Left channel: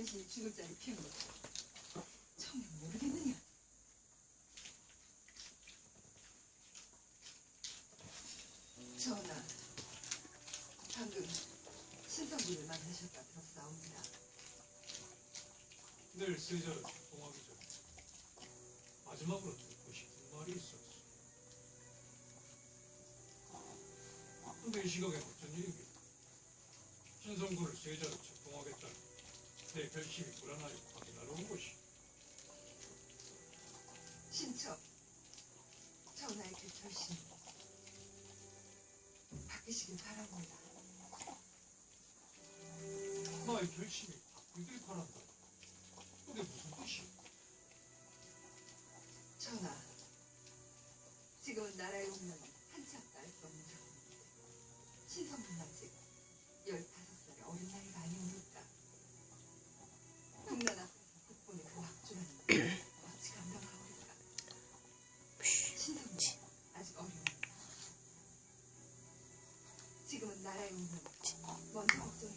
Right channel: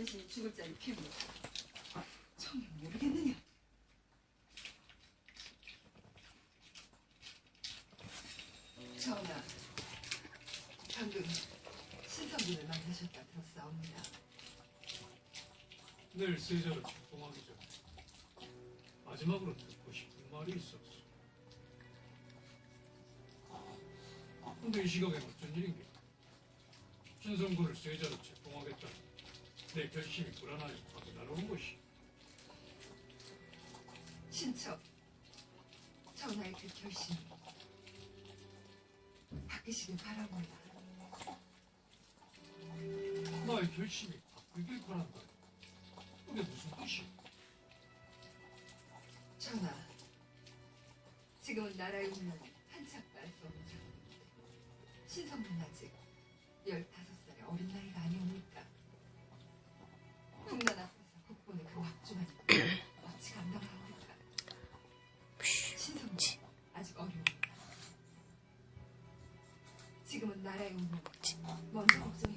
당신이 죽을 자리 피웁니다. 처음에 모르겠느냐? 전하, 방금 신성비를 만나셨다 들었사옵니다. 내일 세자를 출동하기 전에 마지막으로 듣고 싶은 말이 있었어. 근데 이 시각에 어쩐 일인가? 신성군을 세자로 책봉하겠다는 내 결심이 불안하여 확인하러 온 것이. 신처, 전하의 그 결심 바뀌시길 바랍니다. 나의 결심이 바뀌길 바란다. 그게 무슨 뜻이야? 전하, 지금은 나라의 운명을 한치 앞도 알수 없는 상황인데 신성은 아직 지금은 나라에 온 거지. 어. 먼저 걱정.